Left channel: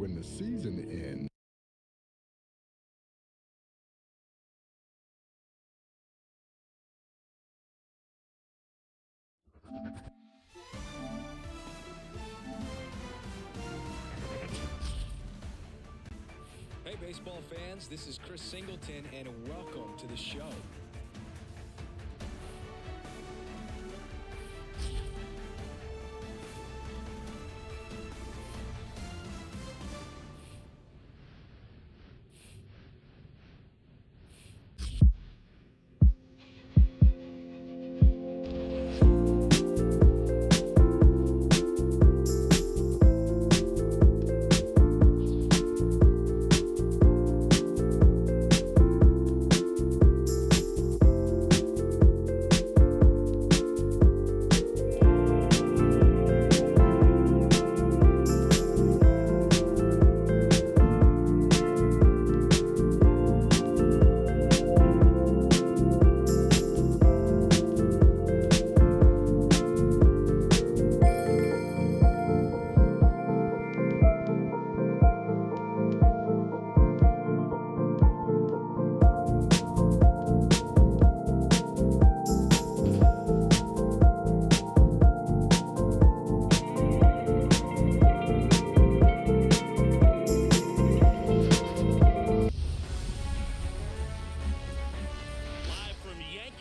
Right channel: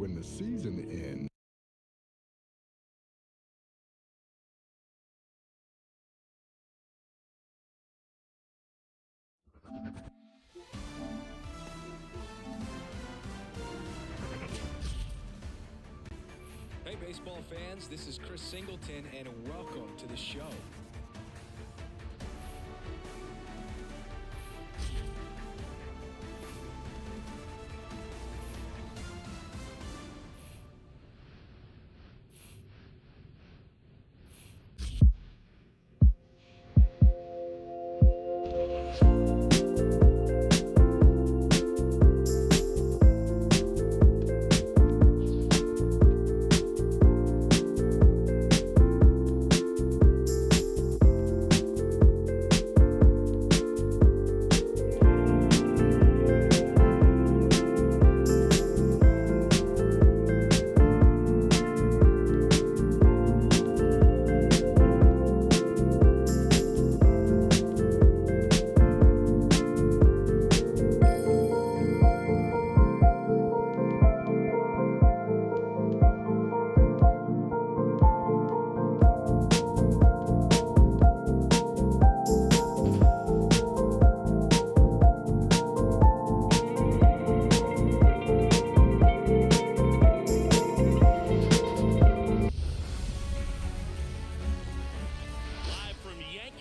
when the season ends. Hey, baseball fans, this is Chris Singleton, and welcome to the show.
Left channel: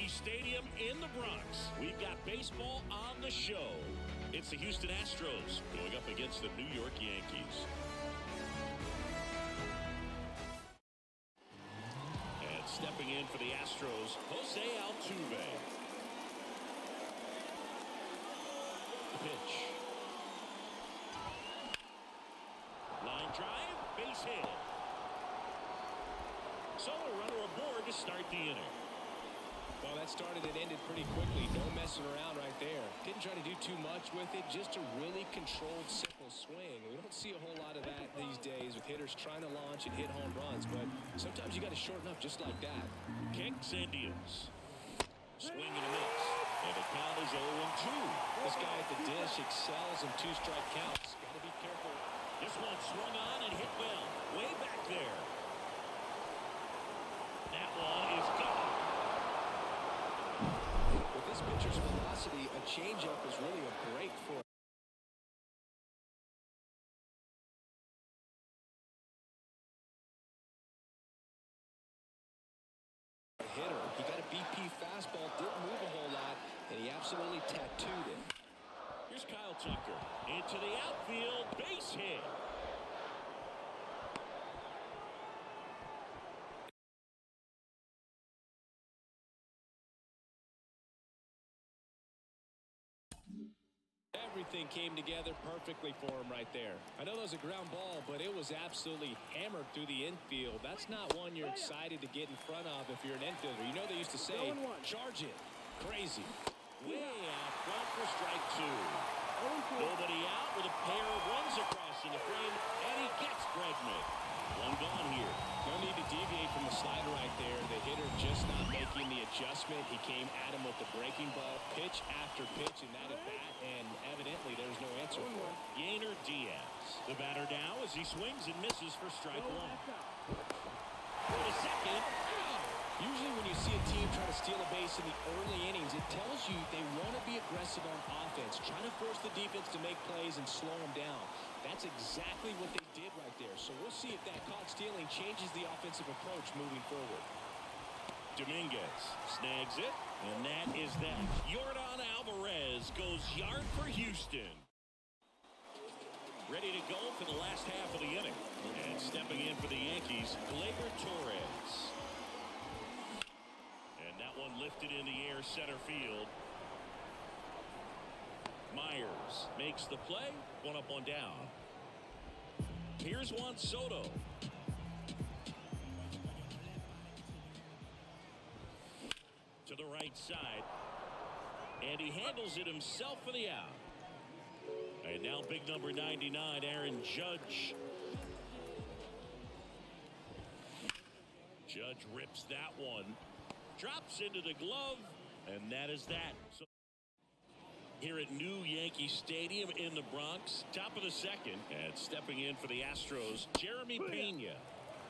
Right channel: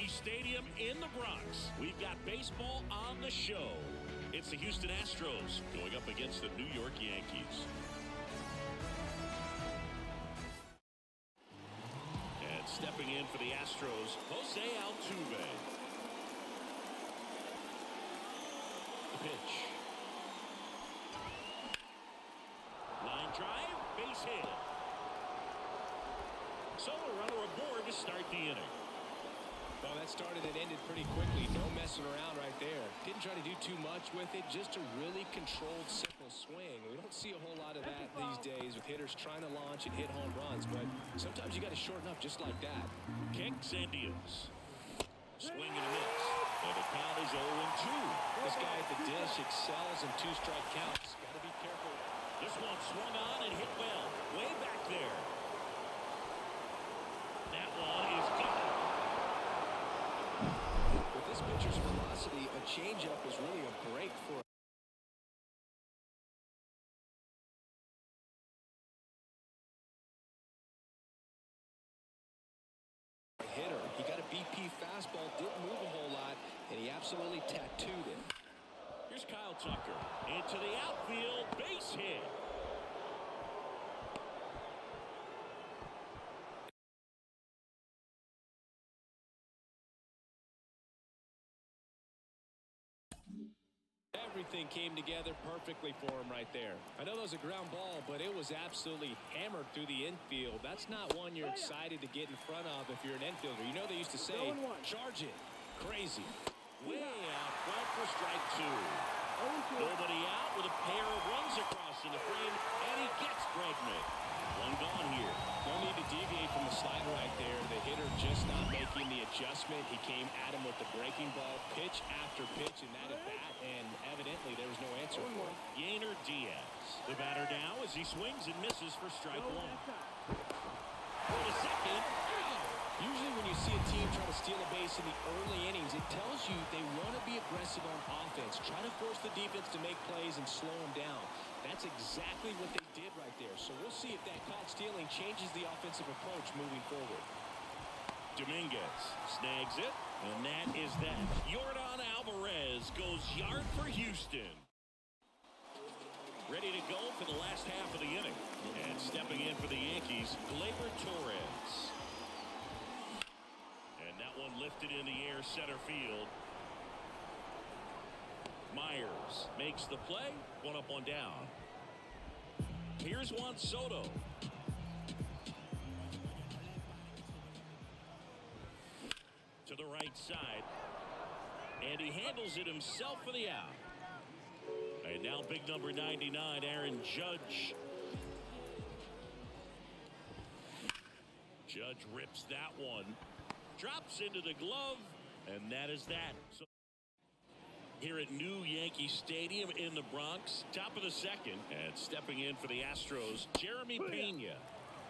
Stadium in the Bronx. We've got baseball on the show. It's the Houston Astros going up against the New York Yankees. And stepping in for the Astros, Jose Altuve. The pitch. Line drive, base hit. So a runner aboard to start the inning. Well, that started and ended pretty quickly. No messing around right there. Didn't try to do too much with it. Just a really controlled, simple swing. We don't see a whole lot of that these days with hitters trying to launch and hit home runs. But sometimes you got to shorten up just like that. Kicks and deals. Swing and a miss. And the count is 0-2. This guy at the dish excels in two-strike counts. Got to be careful. This one swung on and hit well. Way back there. That one is gone. With this pitcher's velocity, a changeup is really a break for a hitter. He got a BP fastball, didn't move a whole lot, and he absolutely tattooed it. Here's Kyle Tucker into the outfield, base hit. Everything came together perfectly for him right there. I know that was a ground ball, but it was absolutely hammered through the infield. That's not one you're excited to get in front of if you're an infielder. You know they used to say, charge it. Crazy. Way out front for strike two. Nobody out with a pair of runs across in the frame, and he gets Bregman. One gone here. No need to deviate from the slider right there. The hitter just not making the adjustment. He came at him with the breaking ball, pitch after pitch in that at bat, and evidently there was no answer for it. Yainer Diaz, the batter now as he swings and misses for strike one. For the second. Usually when you see a team try to steal a base in the early innings, it tells you they want to be aggressive on offense. Try to force the defense to make plays and slow them down. That's exactly what they did right there. So we'll see if that caught stealing changes the offensive approach moving forward. Dominguez snags it, and that is that. Yordan Alvarez goes yard for Houston. Ready to go for the last half of the inning. And stepping in for the Yankees, Gleyber Torres. That one lifted in the air center field. Myers makes the play. One up, one down. Here's Juan Soto. To the right side. And he handles it himself for the out. And now big number 99, Aaron Judge. Judge rips that one. Drops into the glove, and that is that. So Here at New Yankee Stadium in the Bronx, top of the second, and stepping in for the Astros, Jeremy Pena.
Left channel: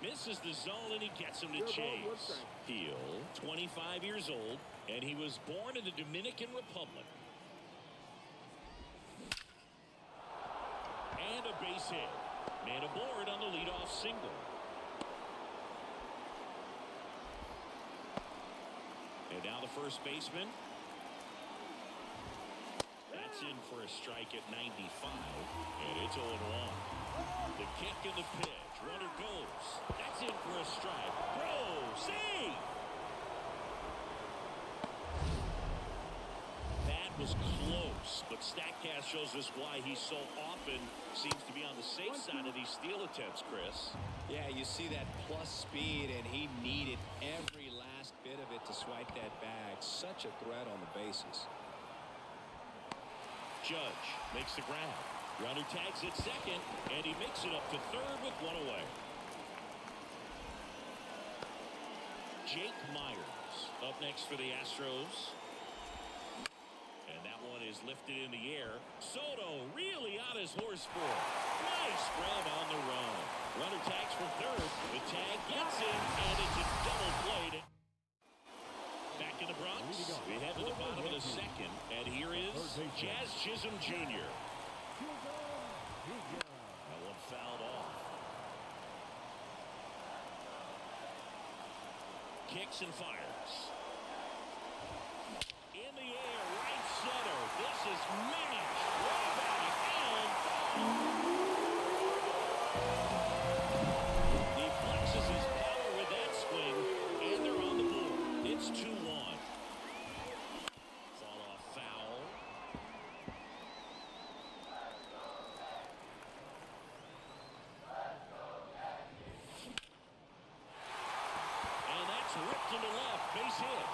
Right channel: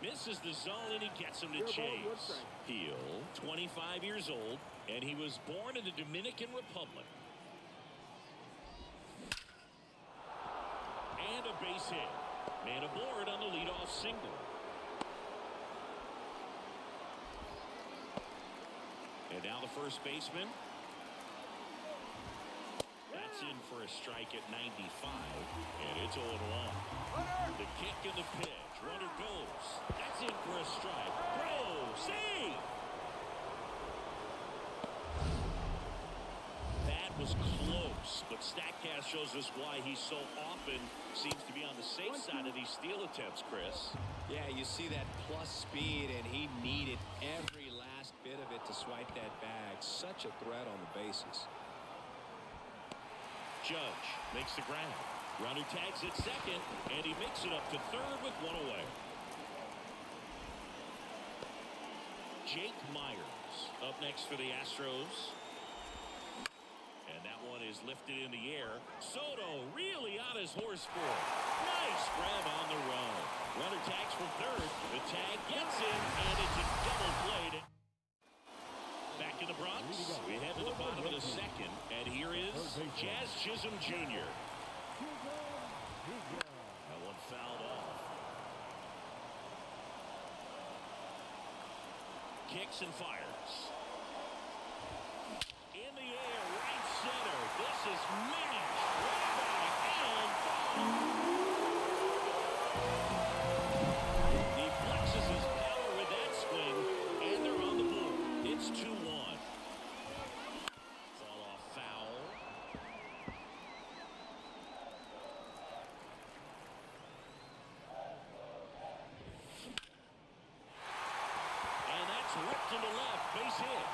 Misses the zone and he gets him to chase. Heel, 25 years old, and he was born in the Dominican Republic. And a base hit. Man aboard on the leadoff single. And now the first baseman. That's in for a strike at 95, and it's 0-1. The kick and the pitch. Runner goes. That's in for a strike. Bro, save! That was close, but StatCast shows us why he so often seems to be on the safe side of these steal attempts, Chris. Yeah, you see that plus speed, and he needed every last bit of it to swipe that bag. Such a threat on the bases. Judge makes the grab. Runner tags at second, and he makes it up to third with one away. Jake Myers up next for the Astros. And that one is lifted in the air. Soto really on his horse for it. Nice grab on the run. Runner tags from third. The tag gets him, and it's a double play. Back in the Bronx, we head to the bottom of the second, and here is Jazz Chisholm Jr. That one fouled off. Kicks and fires. In the air, right center. This is mashed. Way back and foul. He flexes his power with that swing, and they're on the board. It's 2-1. Fought off foul. And that's ripped into left. Base hit.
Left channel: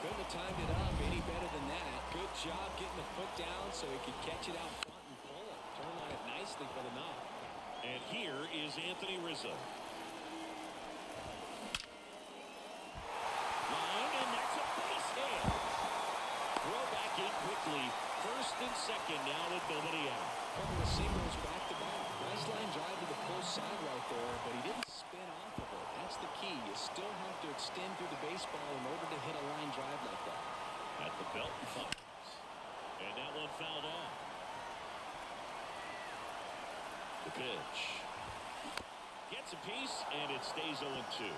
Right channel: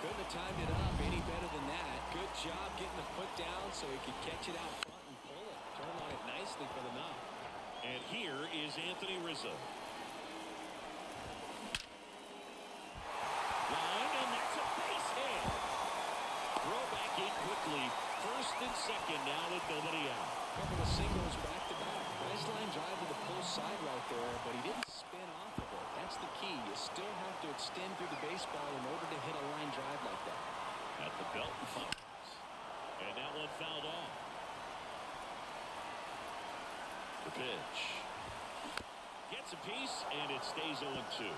Couldn't have timed it up any better than that. Good job getting the foot down so he could catch it out front and pull it. Turn on it nicely for the knock. And here is Anthony Rizzo. Line, and that's a base hit. Throw back in quickly. First and second now with nobody out. Couple of singles back to back. Nice line drive to the pull side right there, but he didn't spin off of it. That's the key. You still have to extend through the baseball in order to hit a line drive like that. At the belt and fires. And that one fouled off. The pitch. Gets a piece, and it stays 0-2.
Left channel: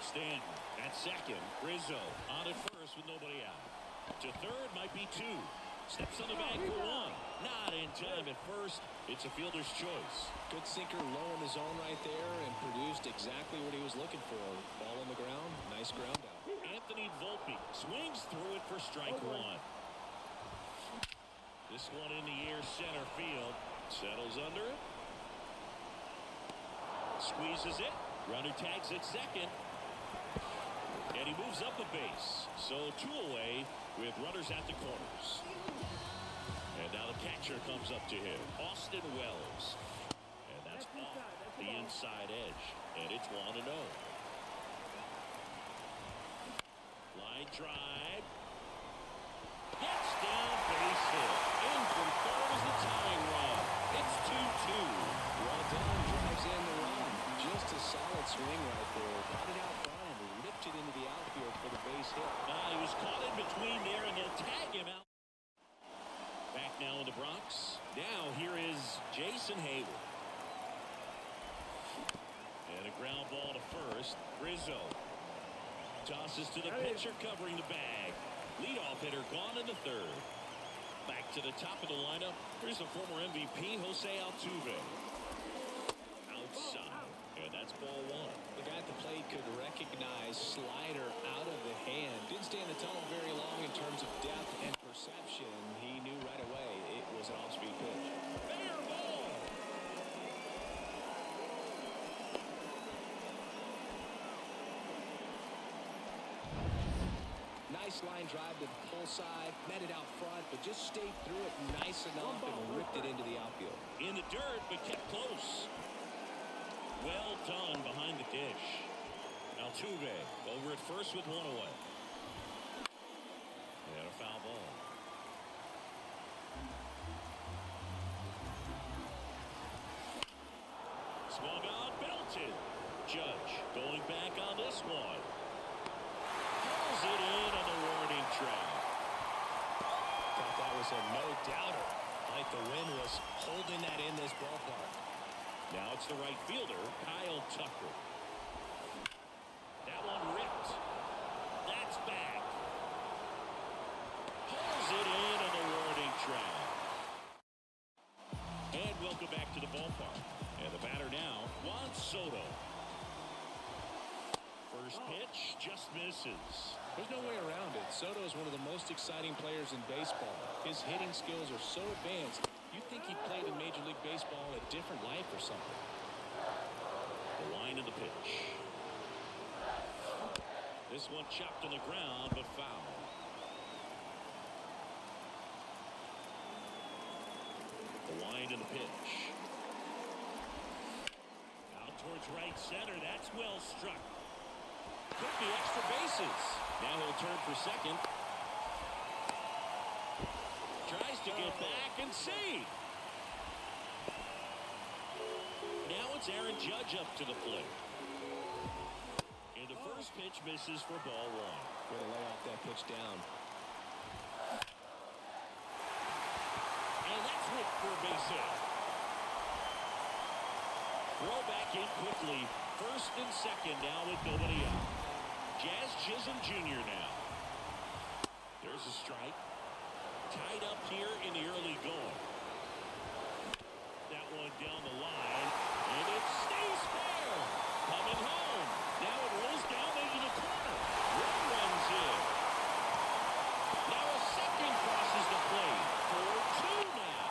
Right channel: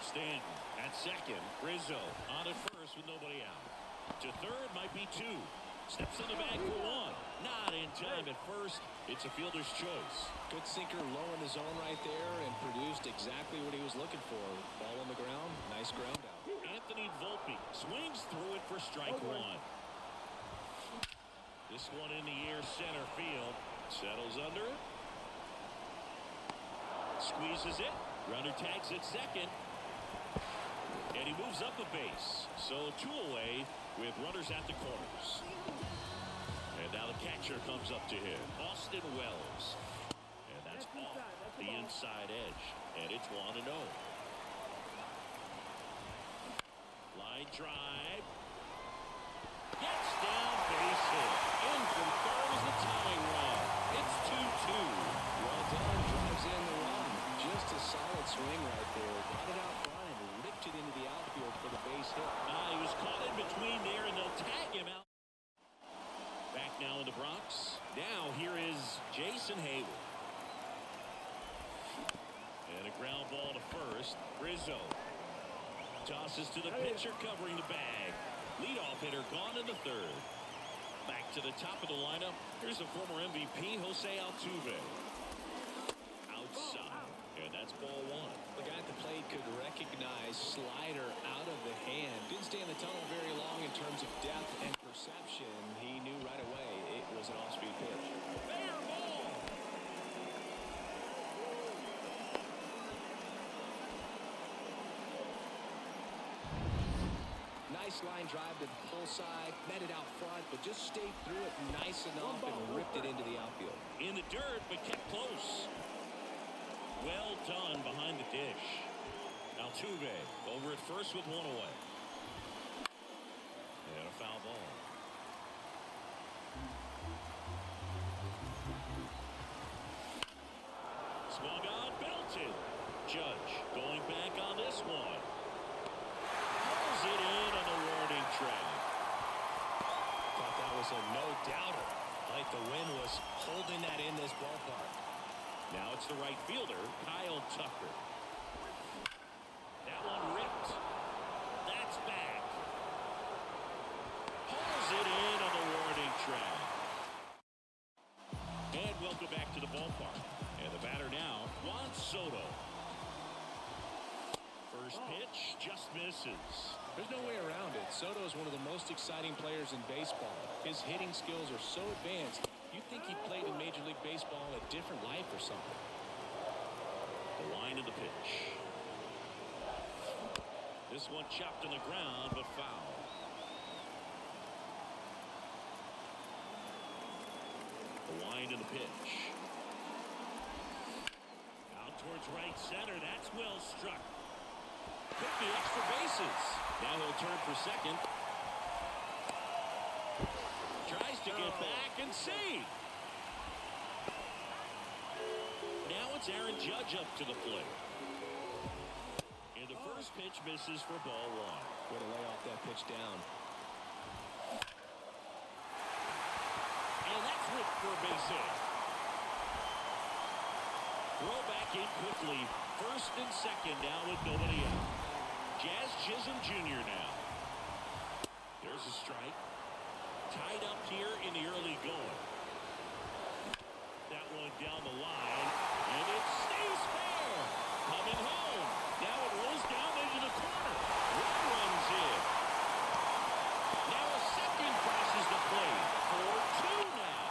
Stanton at second. Rizzo on at first with nobody out. To third might be two. Steps on the bag for one. Not in time at first. It's a fielder's choice. Good sinker low in the zone right there and produced exactly what he was looking for. Ball on the ground. Nice ground out. Anthony Volpe swings through it for strike one. This one in the air center field. Settles under it. Squeezes it. Runner tags at second. And he moves up a base. So two away with runners at the corners. And now the catcher comes up to him. Austin Wells. And that's off the inside edge. And it's 1-0. Line drive. Gets down, base hit. In from third is the tying run. It's 2-2. Well done. Drives in the run. Just a solid swing right there. Caught it out front and ripped it into the outfield for the base hit. He was caught in between there, and they'll tag him out. Back now in the Bronx. Now here is Jason Hayward. And a ground ball to first. Rizzo tosses to the pitcher covering the bag. Leadoff hitter gone in the third. Back to the top of the lineup. Here's the former MVP, Jose Altuve. Outside. And that's ball one. The guy at the plate could recognize slider out of the hand. Didn't stay in the tunnel very long in terms of depth and perception. He knew right away it was an off-speed pitch. Fair ball. Nice line drive to the pull side. Met it out front, but just stayed through it nice enough and ripped it into the outfield. In the dirt, but kept close. Well done behind the dish. Altuve over at first with one away. And a foul ball. Swung on, belted. Judge going back on this one. Pulls it in on the warning track. Thought that was a no-doubter. Like the wind was holding that in this ballpark. Now it's the right fielder, Kyle Tucker. That one ripped. That's back. Pulls it in on the warning track. And welcome back to the ballpark. And the batter now, Juan Soto. First pitch just misses. There's no way around it. Soto is one of the most exciting players in baseball. His hitting skills are so advanced, you'd think he played in Major League Baseball a different life or something. The line of the pitch. This one chopped on the ground, but foul. The wind of the pitch. Out towards right center. That's well struck. Could be extra bases. Now he'll turn for second. Tries to get back and save. Now it's Aaron Judge up to the plate. And the first pitch misses for ball one. Way to lay off that pitch down. And that's whipped for a base hit. Throw back in quickly. First and second now with nobody out. Jazz Chisholm Jr. now. There's a strike. Tied up here in the early going. That one down the line. And it stays fair. Coming home. Now it rolls down into the corner. One runs in. Now a second crosses the plate. 4-2 now.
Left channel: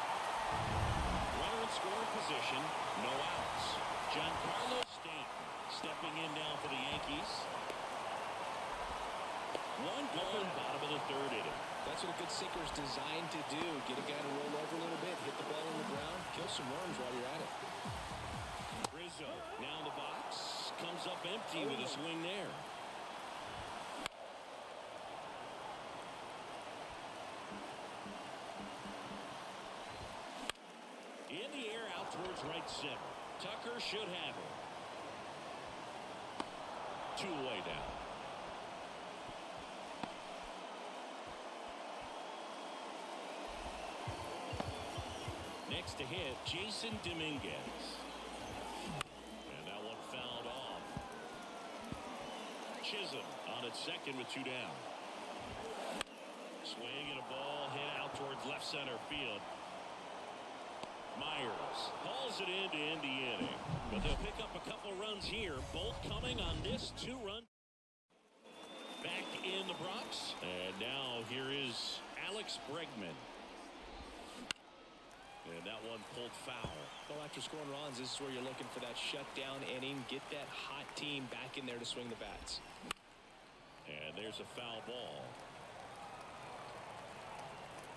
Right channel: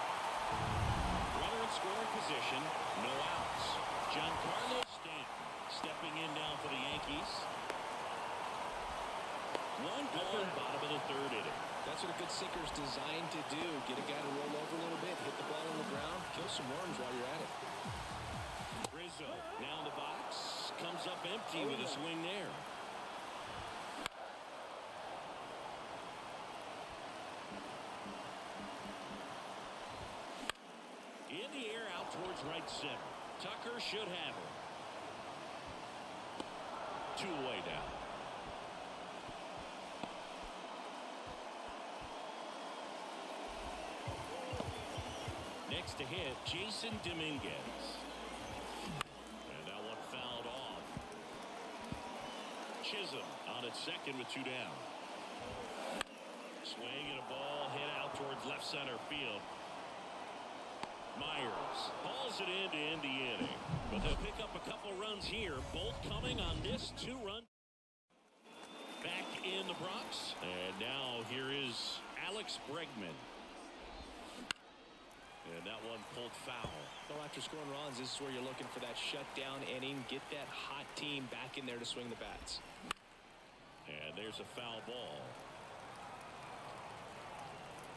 Runner in scoring position. No outs. Giancarlo Stanton stepping in now for the Yankees. One gone, bottom of the third inning. That's what a good sinker is designed to do. Get a guy to roll over a little bit, hit the ball on the ground, kill some worms while you're at it. Rizzo now in the box. Comes up empty with a swing there. In the air out towards right center. Tucker should have it. 2 away now. Next to hit, Jason Dominguez. And that one fouled off. Chisholm on at second with 2 down. Swing and a ball hit out towards left center field. Myers hauls it in to end the inning. But they'll pick up a couple runs here, both coming on this 2-run. Back in the Bronx. And now here is Alex Bregman. And that one pulled foul. Well, after scoring runs, this is where you're looking for that shutdown inning. Get that hot team back in there to swing the bats. And there's a foul ball.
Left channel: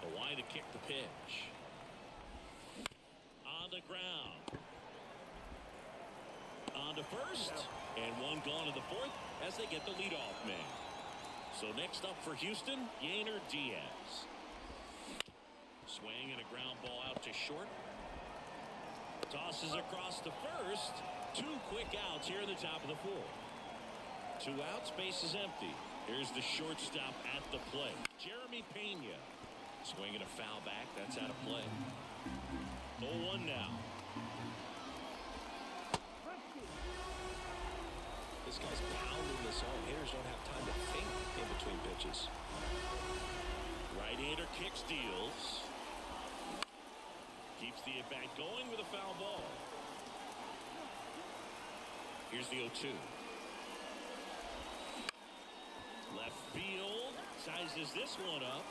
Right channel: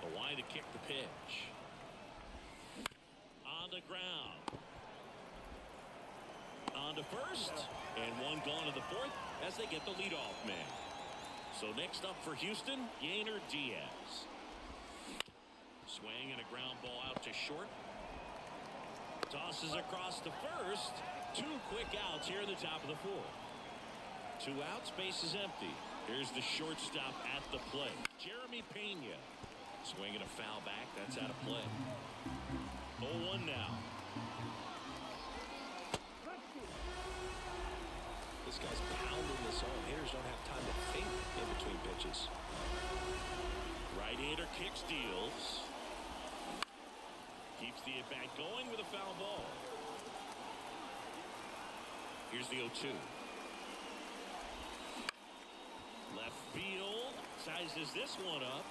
The line to kick the pitch. On the ground. On to first. And one gone to the fourth as they get the leadoff man. So next up for Houston, Yainer Diaz. Swing and a ground ball out to short. Tosses across to first. 2 quick outs here in the top of the fourth. 2 outs, base is empty. Here's the shortstop at the plate. Jeremy Pena. Swinging a foul back. That's out of play. 0-1 now. This guy's pounding the zone. Hitters don't have time to think in between pitches. Right-hander kick steals. Keeps the at-bat going with a foul ball. Here's the 0-2. Left field. Sizes this one up.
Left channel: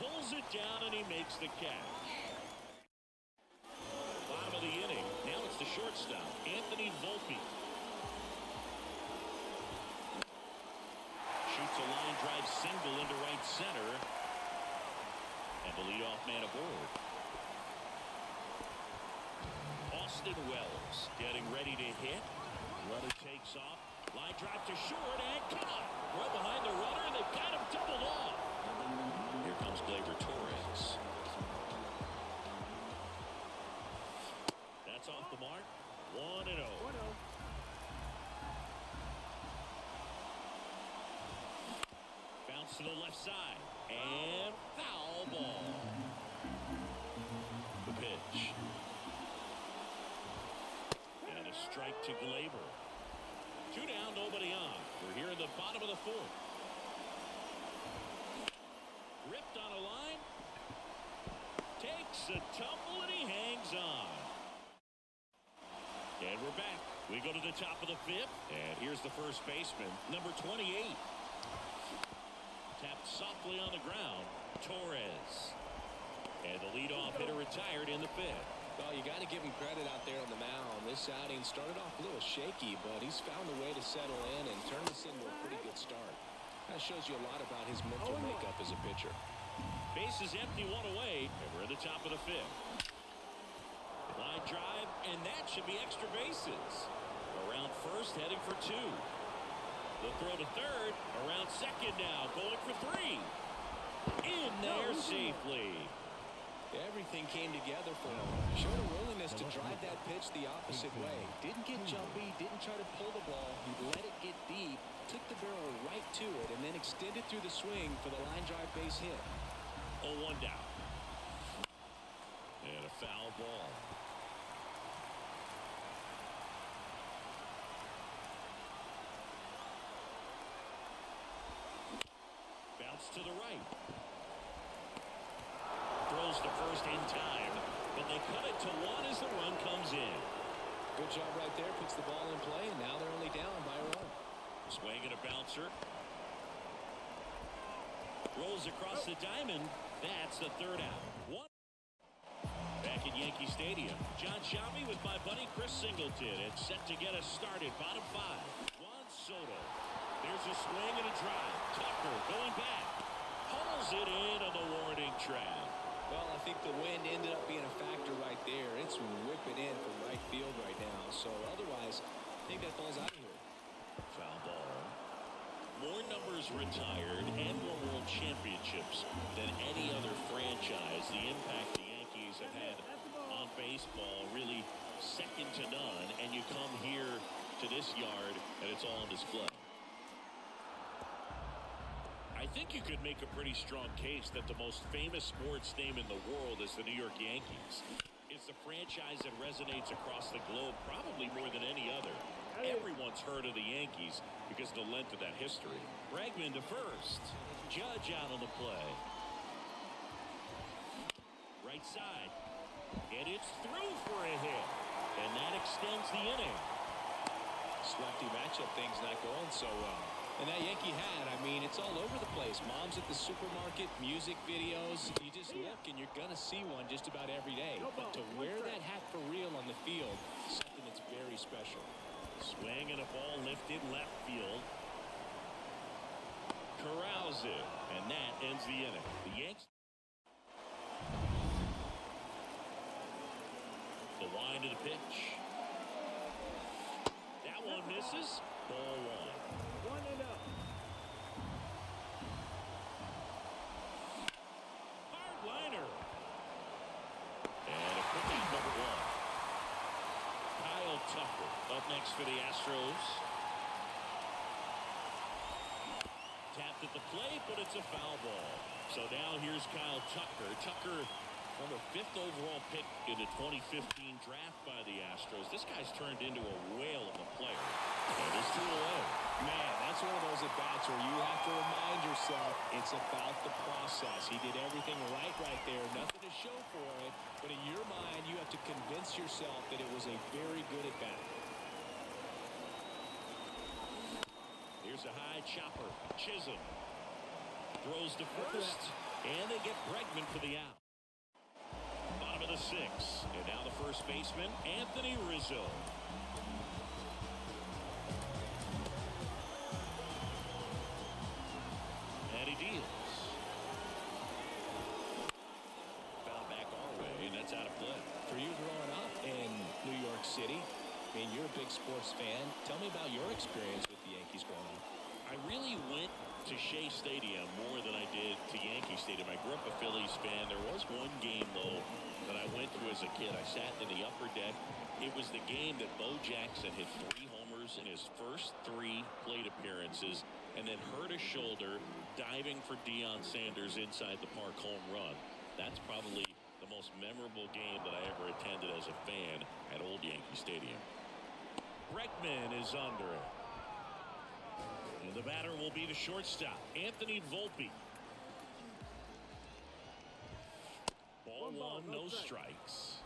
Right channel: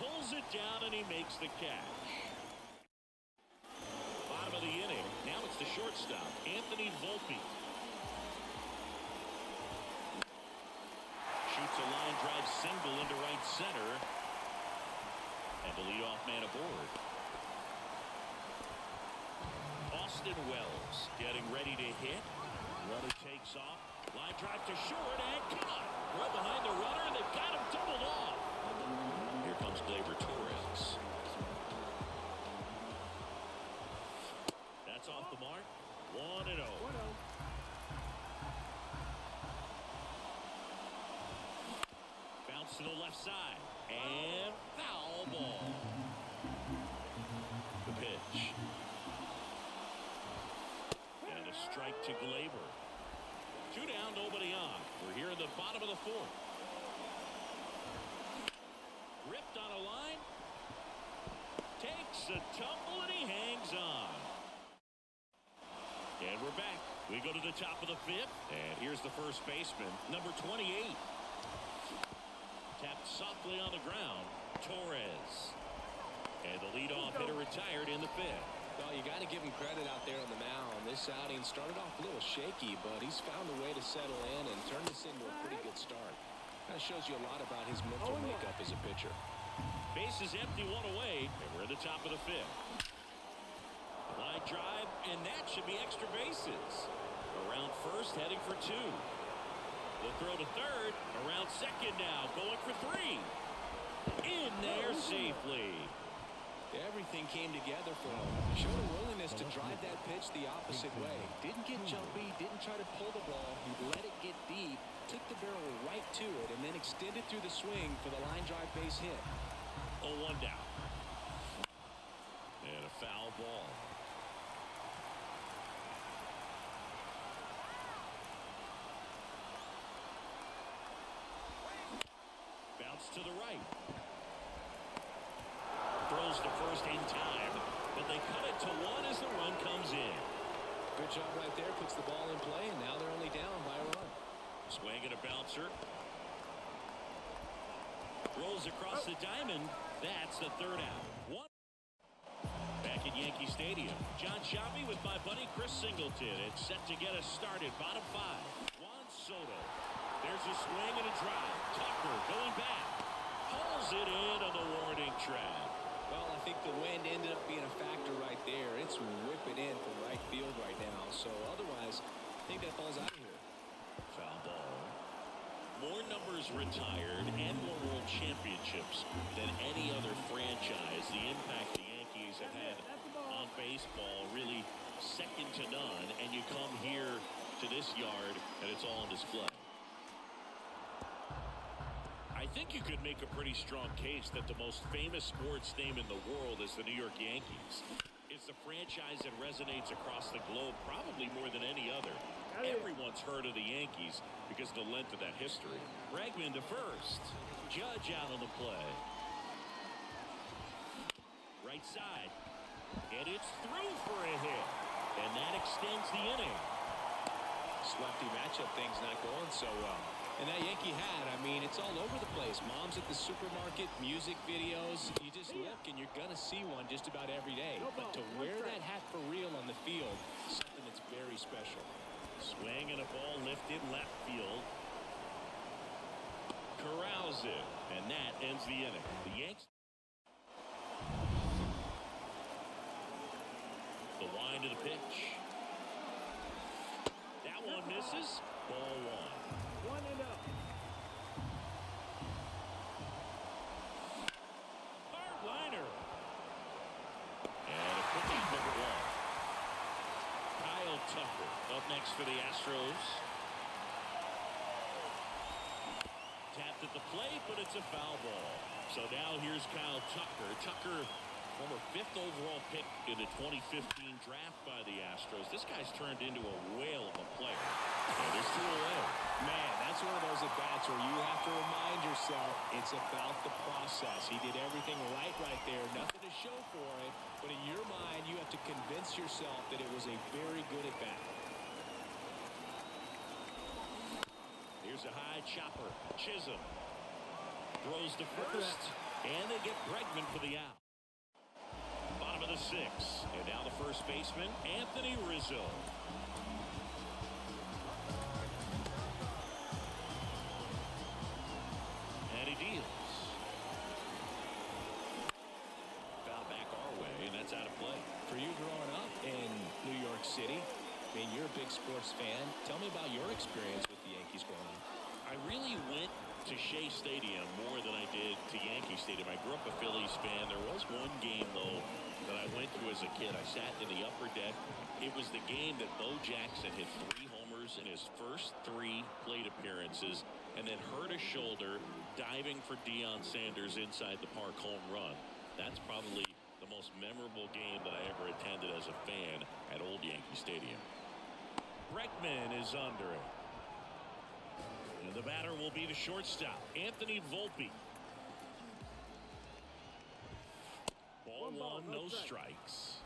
Pulls it down and he makes the catch. Bottom of the inning. Now it's the shortstop, Anthony Volpe. Shoots a line drive single into right center. And the leadoff man aboard. Austin Wells getting ready to hit. Runner takes off. Line drive to short and caught. Right behind the runner. They've got him doubled off. Here comes Gleyber Torres. That's off the mark. 1-0. Bounce to the left side. And foul ball. The pitch. And a strike to Gleyber. 2 down, nobody on. We're here in the bottom of the 4th. Ripped on a line. Takes a tumble and he hangs on. And we're back. We go to the top of the 5th. And here's the first baseman, number 28. Tapped softly on the ground. Torres. And the leadoff hitter retired in the 5th. Well, you got to give him credit out there on the mound. This outing started off a little shaky, but he's found a way to settle in and turn this into a pretty good start. Kind of shows you a lot about his mental makeup as a pitcher. Base is empty, 1 away, and we're at the top of the 5th. Line drive, and that should be extra bases. Around first, heading for 2. The throw to third, around second now, going for 3. In there safely. Everything came together for him. Showed a willingness to drive that pitch the opposite way. Didn't get jumpy, didn't try to pull the ball. He let it get deep, took the barrel right to it, and then extended through the swing for the line drive base hit. 0-1 down. And a foul ball. Bounce to the right. Throws to first in time, but they cut it to 1 as the run comes in. Good job right there. Puts the ball in play, and now they're only down by a run. Swing and a bouncer. Throws across the diamond. That's the 3rd out. 1. Back at Yankee Stadium, John Sciambi with my buddy Chris Singleton. It's set to get us started. Bottom 5. Juan Soto. There's a swing and a drive. Tucker going back. Hauls it in on the warning track. Well, I think the wind ended up being a factor right there. It's whipping in from right field right now. So otherwise, I think that ball's out of here. Foul ball. More numbers retired and more world championships than any other franchise. The impact the Yankees have had on baseball really second to none. And you come here to this yard and it's all on display. I think you could make a pretty strong case that the most famous sports name in the world is the New York Yankees. It's a franchise that resonates across the globe probably more than any other. Everyone's heard of the Yankees because of the length of that history. Bregman to first. Judge out on the play. Right side. And it's through for a hit. And that extends the inning. This lefty matchup thing's not going so well. And that Yankee hat, I mean, it's all over the place. Moms at the supermarket, music videos. You just look and you're going to see one just about every day. But to wear that hat for real on the field is something that's very special. Swing and a ball lifted left field. Corrals it. And that ends the inning. The Yanks. The wind of the pitch. That one misses. Ball 1. 1-0. Hard liner. And a quick out number 1. Kyle Tucker up next for the Astros. Tapped at the plate, but it's a foul ball. So now here's Kyle Tucker. Tucker, former 5th overall pick in the 2015 draft by the Astros. This guy's turned into a whale of a player. And there's 2 away. Man, that's one of those at-bats where you have to remind yourself it's about the process. He did everything right there. Nothing to show for it. But in your mind, you have to convince yourself that it was a very good at-bat. Here's a high chopper. Chisholm throws to first. And they get Bregman for the out. Bottom of the 6th. And now the first baseman, Anthony Rizzo. And he deals. Foul back our way, and that's out of play. For you growing up in New York City, I mean, you're a big sports fan. Tell me about your experience with the Yankees growing up. I really went to Shea Stadium more than I did to Yankee Stadium. I grew up a Phillies fan. There was one game, though, that I went to as a kid. I sat in the upper deck. It was the game that Bo Jackson hit 3 homers in his first 3 plate appearances and then hurt his shoulder diving for Deion Sanders inside the park home run. That's probably the most memorable game that I ever attended as a fan at Old Yankee Stadium. Bregman is under it. And the batter will be the shortstop, Anthony Volpe. Ball 1, no strikes.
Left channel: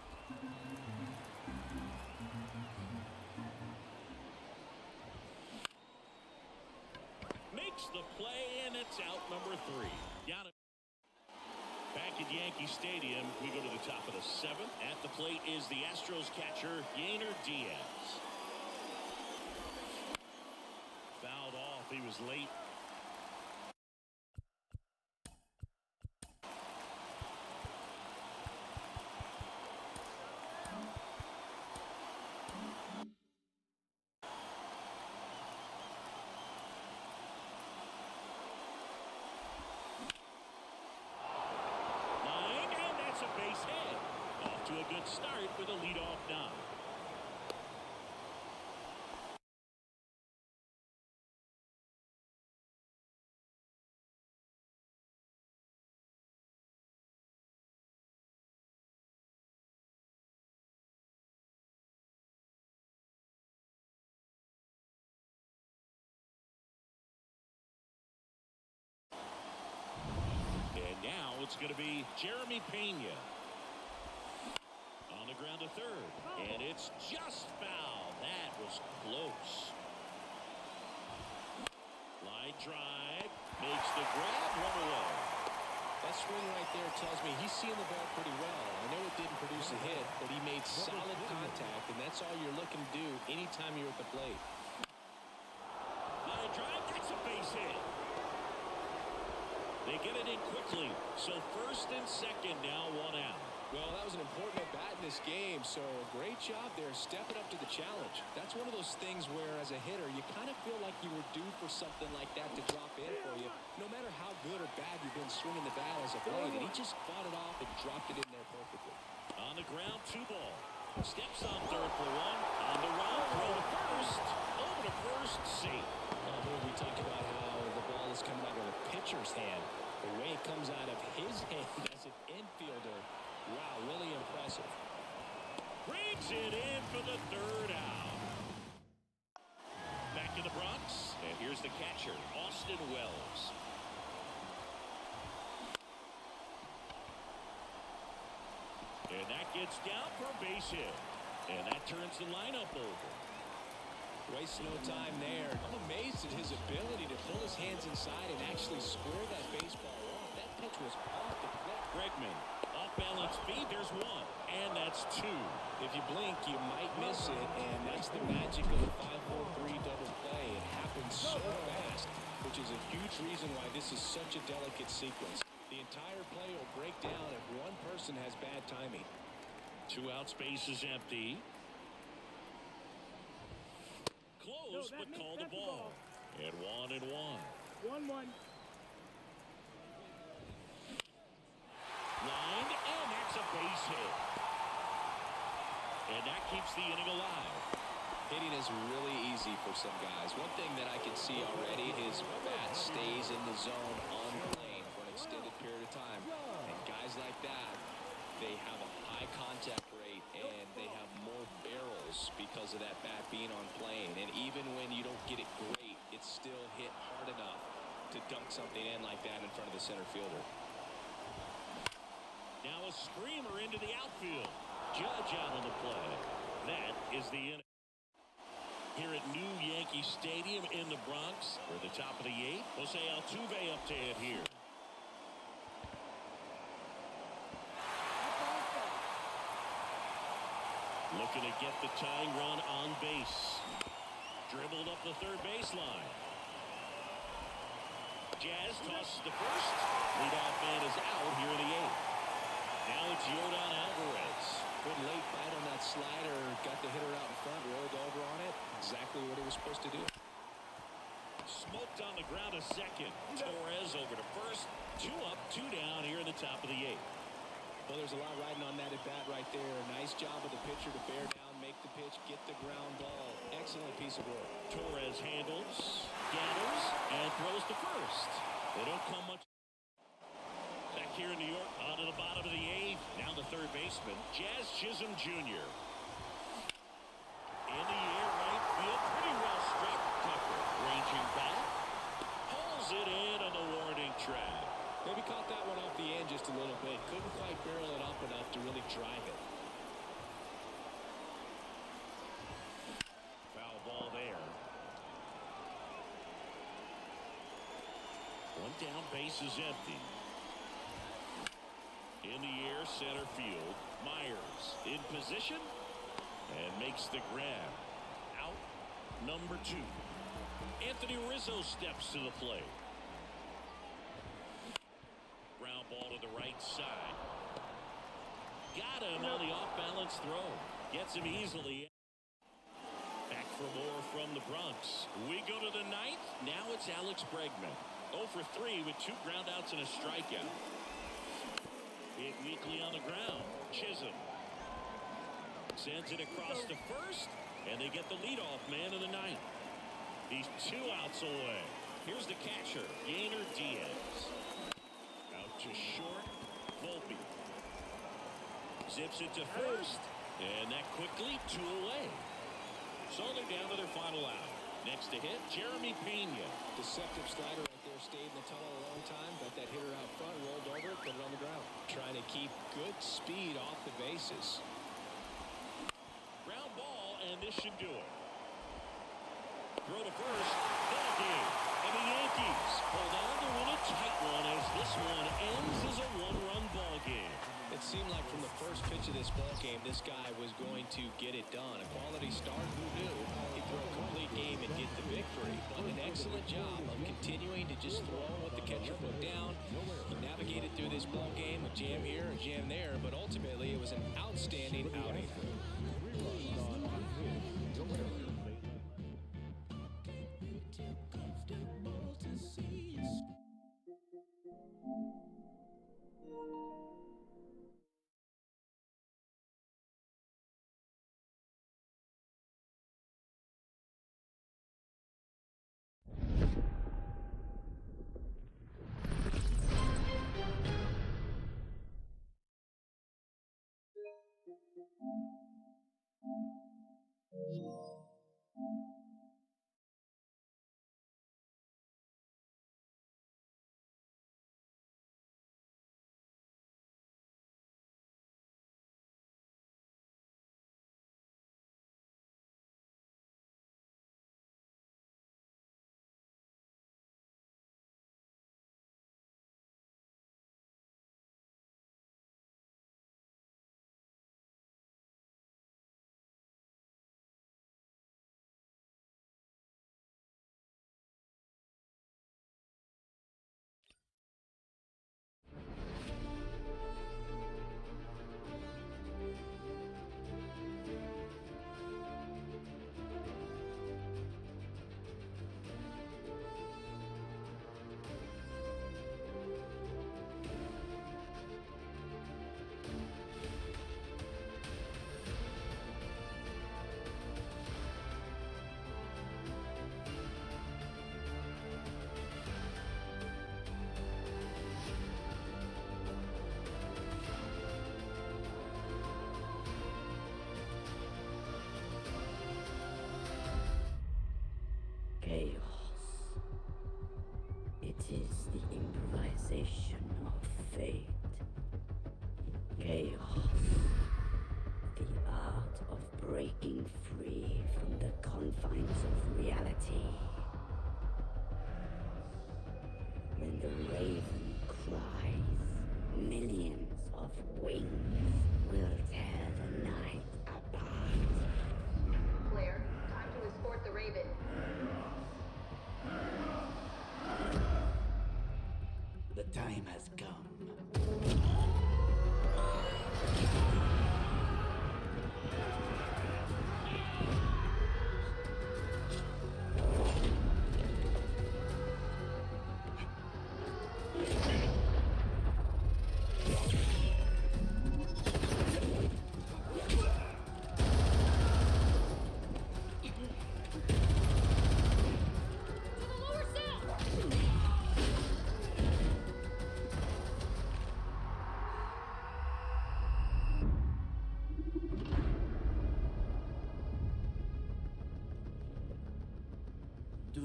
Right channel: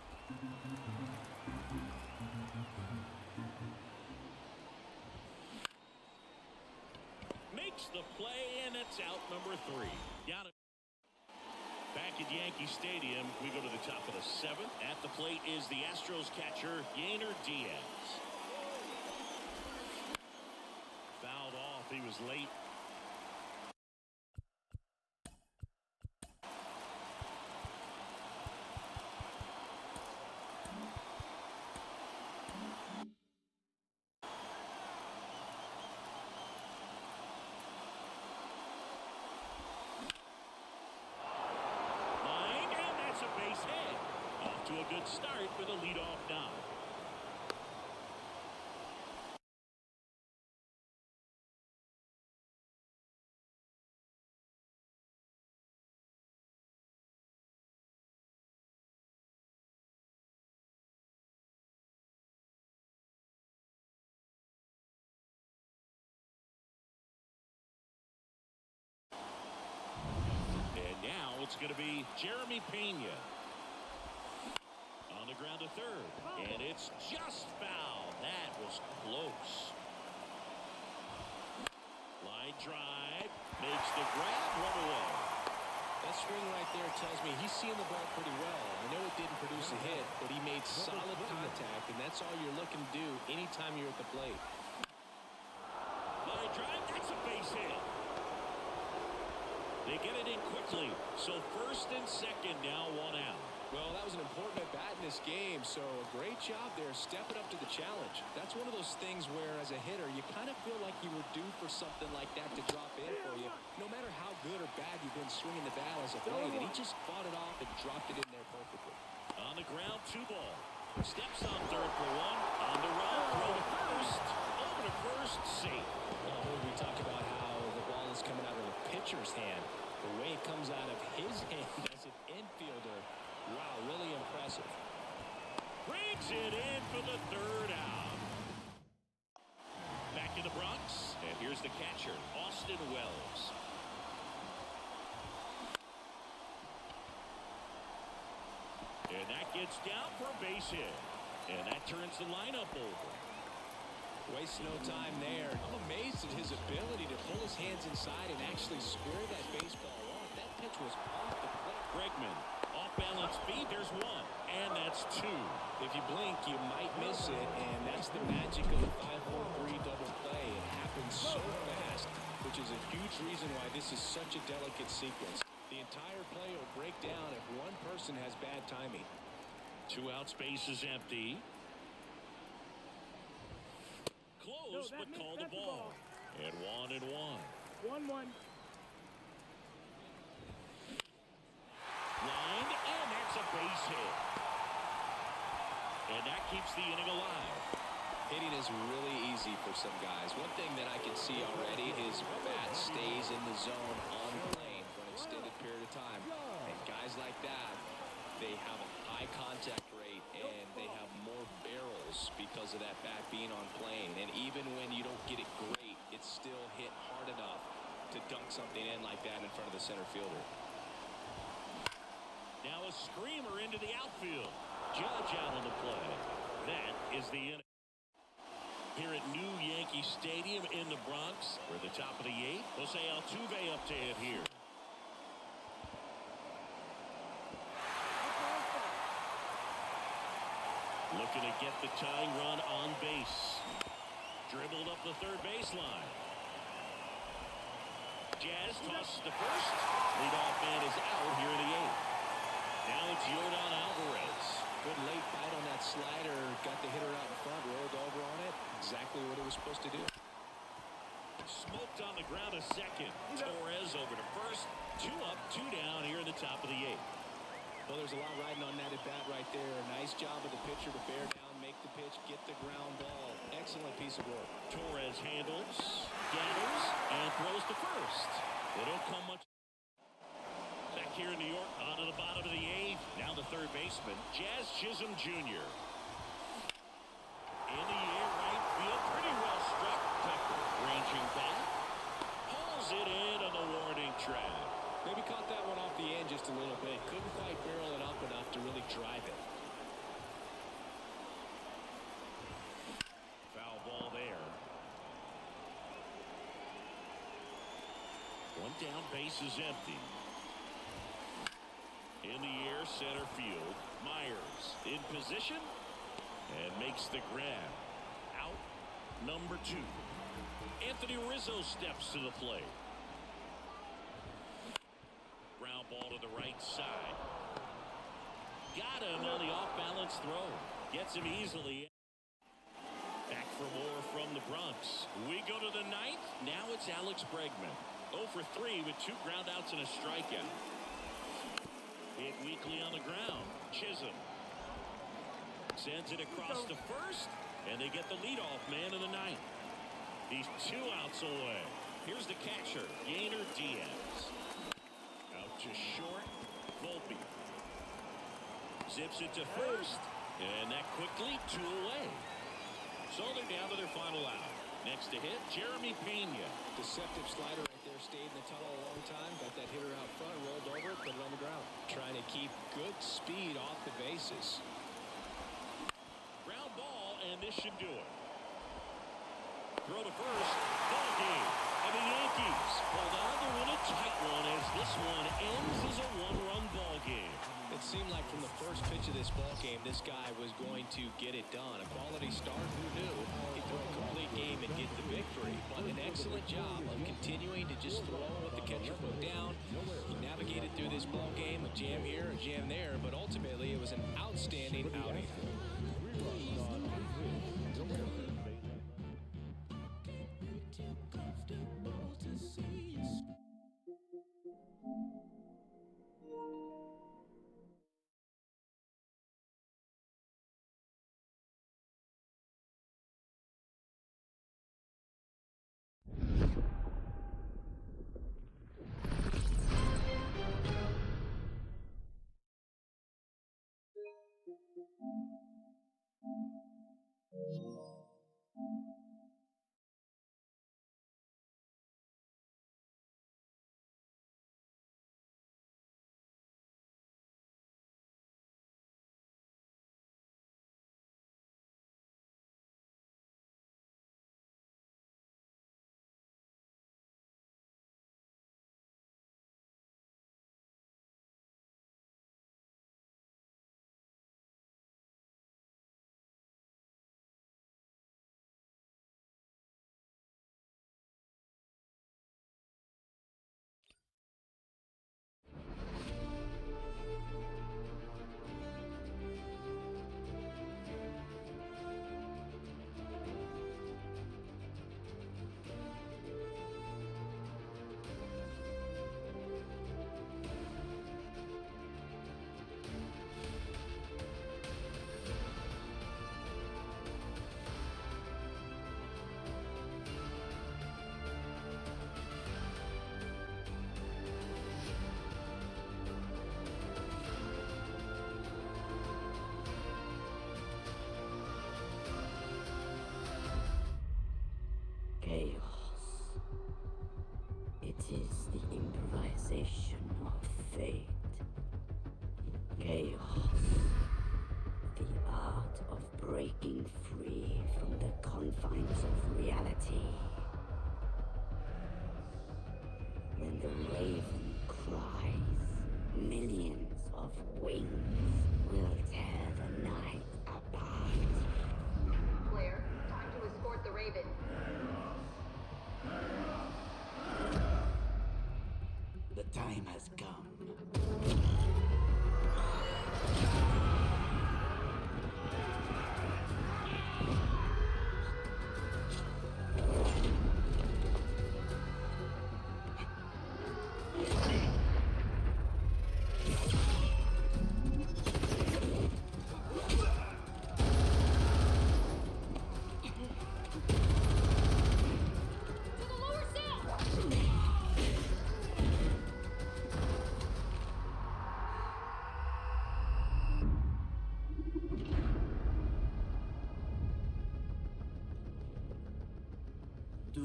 Makes the play, and it's out number 3. Down back at Yankee Stadium, we go to the top of the 7th. At the plate is the Astros catcher, Yainer Diaz. Fouled off. He was late. Line, and that's a base hit. Off to a good start with a leadoff knock. Now it's going to be Jeremy Pena. On the ground to third. And it's just foul. That was close. Line drive. Makes the grab. Run away. That swing right there tells me he's seeing the ball pretty well. I know it didn't produce a hit, but he made solid contact, and that's all you're looking to do anytime you're at the plate. Line drive. That's a base hit. They get it in quickly. So first and second now, 1 out. Well, that was an important at-bat in this game, so a great job there stepping up to the challenge. That's one of those things where, as a hitter, you kind of feel like you were due for something like that to drop in for you, no matter how good or bad you've been swinging the bat as of late, and he just fought it off and dropped it in there perfectly. On the ground, 2 ball. Steps on third for 1. On the run, throw to first. Over to first, safe. Well, we talk about how the ball is coming out of the pitcher's hand. The way it comes out of his hand as an infielder, wow, really impressive. Brings it in for the 3rd out. Back in the Bronx, and here's the catcher, Austin Wells. And that gets down for a base hit. And that turns the lineup over. Waste no time there. I'm amazed at his ability to pull his hands inside and actually square that baseball off. That pitch was off the plate. Bregman, off-balance feed. There's 1, and that's 2. If you blink, you might miss it, and that's the magic of the 5-4-3 double play. It happens so fast, which is a huge reason why this is such a delicate sequence. The entire play will break down if one person has bad timing. 2 out, space is empty. Close, but call the ball. And 1-1. 1-1. Lined, and that's a base hit. And that keeps the inning alive. Hitting is really easy for some guys. One thing that I can see already, his bat stays in the zone on the plane for an extended period of time. And guys like that, they have a high contact rate and they have more barrels because of that bat being on plane. And even when you don't get it great, it's still hit hard enough to dunk something in like that in front of the center fielder. Now a screamer into the outfield. Judge out on the play. That is the inning. Here at New Yankee Stadium in the Bronx, we're at the top of the 8th. Jose Altuve up to hit here. Looking to get the tying run on base. Dribbled up the third baseline. Jazz tosses to first. Leadoff man is out here in the 8th. Now it's Yordan Alvarez. Good late bite on that slider. Got the hitter out in front, rolled over on it. Exactly what he was supposed to do. Smoked on the ground a second. Torres over to first. 2 up, 2 down here in the top of the 8th. Well, there's a lot riding on that at bat right there. Nice job of the pitcher to bear down, make the pitch, get the ground ball. Excellent piece of work. Torres handles, gathers, and throws to first. They don't come much. Back here in New York, on to the bottom of the 8th. Now the third baseman, Jazz Chisholm Jr. In the air, right field, pretty well struck. Tucker ranging back, pulls it in on the warning track. Maybe caught that one off the end just a little bit. Couldn't quite barrel it up enough to really drive it. Foul ball there. 1 down, base is empty. In the air, center field. Myers in position and makes the grab. Out number 2. Anthony Rizzo steps to the plate. Ground ball to the right side. Got him on the off-balance throw. Gets him easily. Back for more from the Bronx. We go to the 9th. Now it's Alex Bregman. 0 for 3 with 2 groundouts and a strikeout. Hit weakly on the ground. Chisholm sends it across to first, and they get the leadoff man in the 9th. He's 2 outs away. Here's the catcher, Gainer Diaz. Out to short, Volpe. Zips it to first, and that quickly 2 away. So they're down to their final out. Next to hit, Jeremy Pena. Deceptive slider right there. Stayed in the tunnel a long time. Got that hitter out front, rolled over it, put it on the ground. Trying to keep good speed off the bases. Ground ball, and this should do it. Throw to first, ball game. And the Yankees hold on to win a tight one as this one ends as a 1-run ball game. It seemed like from the first pitch of this ball game, this guy was going to get it done. A quality start, who knew? He'd throw a complete game and get the victory. But an excellent job of continuing to just throw what the catcher put down. He navigated through this ball game, a jam here, a jam there, but ultimately it was an outstanding outing. Chaos. It is the improvisation of fate. Chaos. The art of breaking free from the confines of reality. When the raven cries, millions of wings will tear the night apart. Claire, time to escort the Raven. The time has come.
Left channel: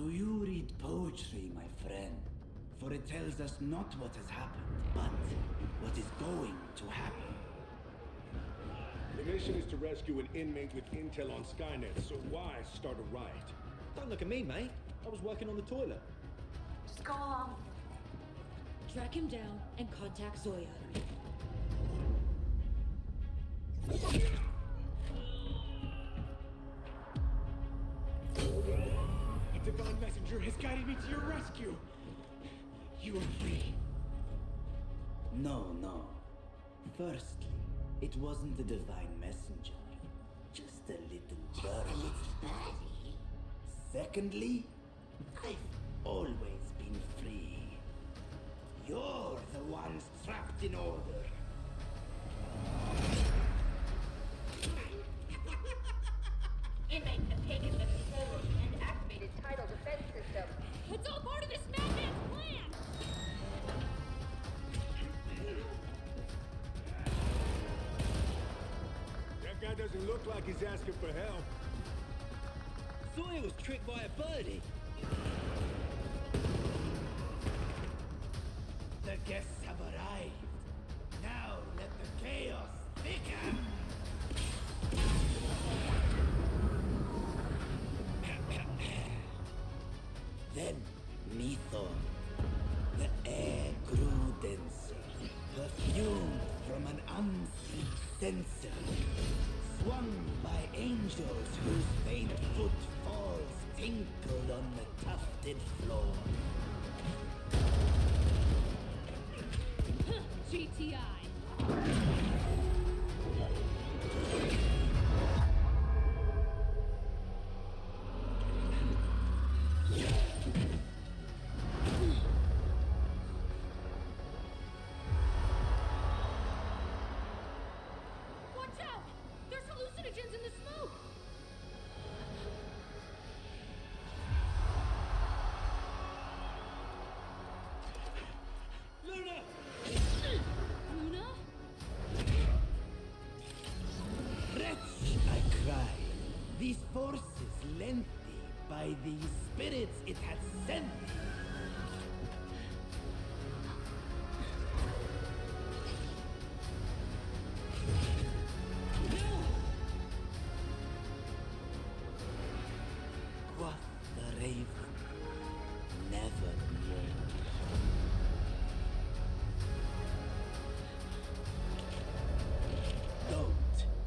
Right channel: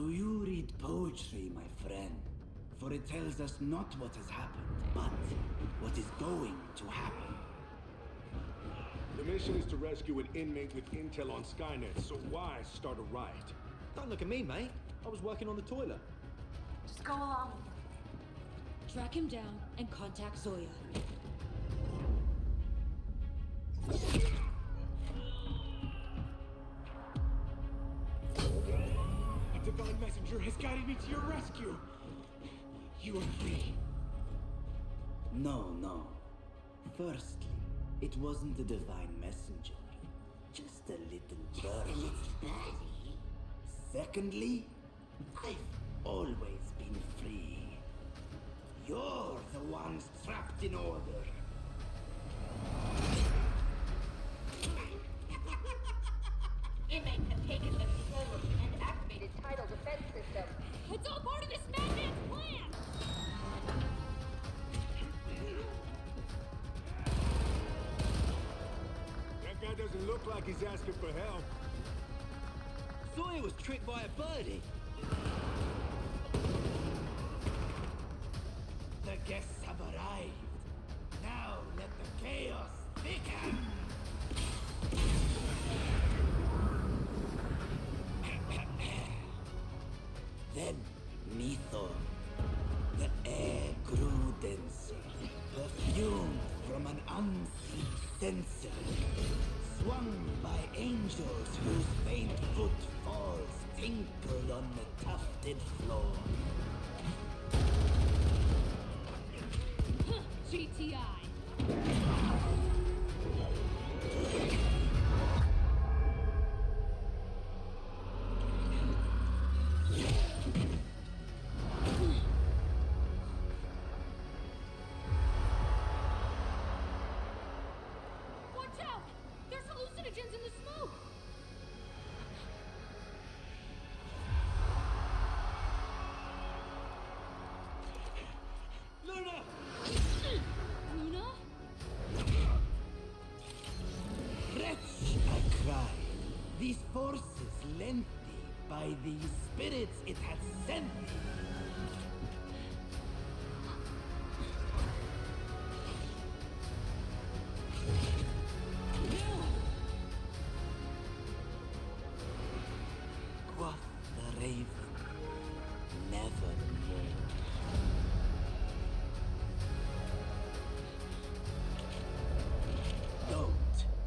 Do you read poetry, my friend? For it tells us not what has happened, but what is going to happen. The mission is to rescue an inmate with intel on Skynet, so why start a riot? Don't look at me, mate. I was working on the toilet. Track him down and contact Zoya. A divine messenger has guided me to your rescue. You are free. No. Firstly, it wasn't a divine messenger. Just a little bird. Secondly, I've always been free. You're the ones trapped in order. Inmates have taken the control room and activated tidal defense system. It's all part of this madman's plan! That guy doesn't look like he's asking for help. Zoya was tricked by a birdie. The guests have arrived. Now let the chaos begin. Then, Mythor. The air grew denser, perfumed from an unseen sensor, swung by angels whose faint footfalls tinkled on the tufted floor. GTI. Watch out! There's hallucinogens in the smoke! Luna! Luna? Wretch, I cried. These forces lent thee by the spirits it had sent thee. No! Quoth the raven, nevermore. Don't.